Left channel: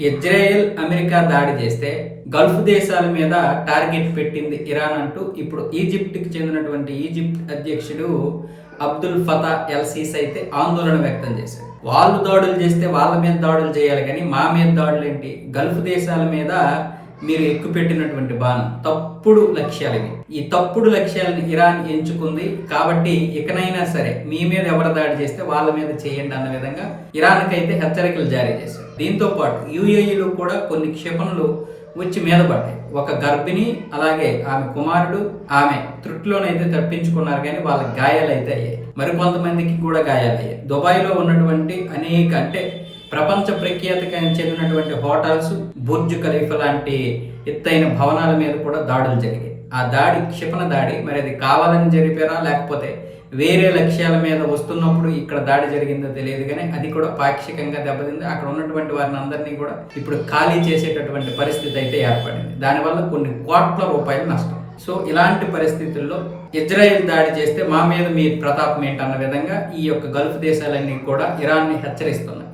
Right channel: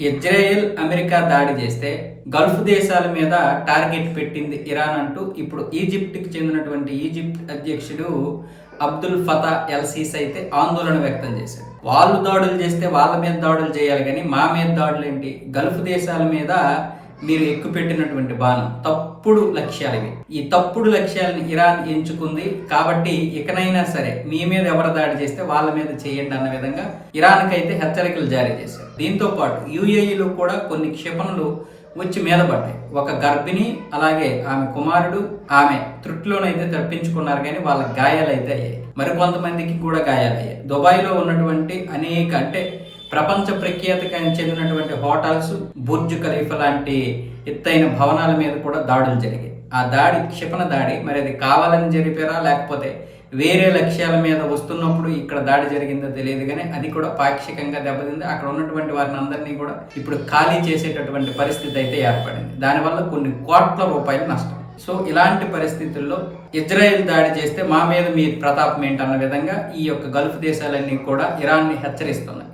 Israel America దాడి చేస్తే Gulf దేశాల మీద టార్గెట్ పెట్టింది ఇరాన్ అంటూ ఇప్పుడు ఈజిప్ట్కి చెందినటువంటి ఈజిప్ట్ అధ్యక్షుడు అబ్దుల్ ఫతా ఎల్ సీసీ అయితే ఆందోళన వ్యక్తం చేశారు. వాళ్ళు దాడులు చేస్తే వాళ్ళ మీద దాడులు చేయాలి, కానీ మా మీద దాడులు ఏంటి? గల్ఫ్ దేశాల మీద మీరు ఎక్కుపెట్టినటువంటి బాణం తప్పుడు లక్ష్యాలు ఇవి. ఈ తప్పుడు లక్ష్యాలను ఇరాన్ ఎంచుకుంది కాబట్టి ఇకనైనా సరే మీ మీద ఎవరు దాడి చేస్తే వాళ్ళ మీద చేయండి అన్న విధంగా ఇరాన్కి అయితే హెచ్చరికలు జారీ చేశారు. దీంతో పాటు యుఏఈలో కూడా కొన్ని క్షిపణులు వచ్చి మీద పడ్డాయి. ఒక గర్భిణి అలాగే ఆమె కుమారుడు ఆమె త్రుట్లోనైతే తప్పించుకున్నారు, కానీ వాళ్ళ గాయాలైతే అయ్యాయి. మరికొంతమందికి కూడా గాయాలయ్యాయి. దుబాయ్లో ఉన్నటువంటి అనేక ప్రపంచ ప్రఖ్యాతికి చెందినటువంటి హోటల్స్, బుర్జ్ ఖలీఫా లాంటి ఎత్తైన భవనాల మీద కూడా దాడులు జరిగాయి. ఆ దాడి క్షిపణ దాడి, మరి అది కావాలని జరిపారా లేకపోతే వేరే లక్ష్యాల మీద వస్తున్నప్పుడు ఇక్కడ దాడి జరిగిందో తెలియదు, కానీ అది కూడా పాక్షికంగా దెబ్బతింది. అక్కడ ఉన్నటువంటి వారిని అందరినీ కూడా ఇప్పుడు ఖాళీ చేసేటటువంటి పరిస్థితి అయితే ఏర్పడింది. దానివల్ల కొన్ని కోట్ల రూపాయలు నష్టం. సో ఇలాంటి పరిస్థితుల్లో ఇజ్రాయెల్ దాడి చేస్తే మా మీద మీ ప్రతాపం ఏంటన్న విధంగా ఈ యొక్క గల్ఫ్ దేశాలన్నీ కూడా ఇరాన్ని హెచ్చరిస్తున్నాయి.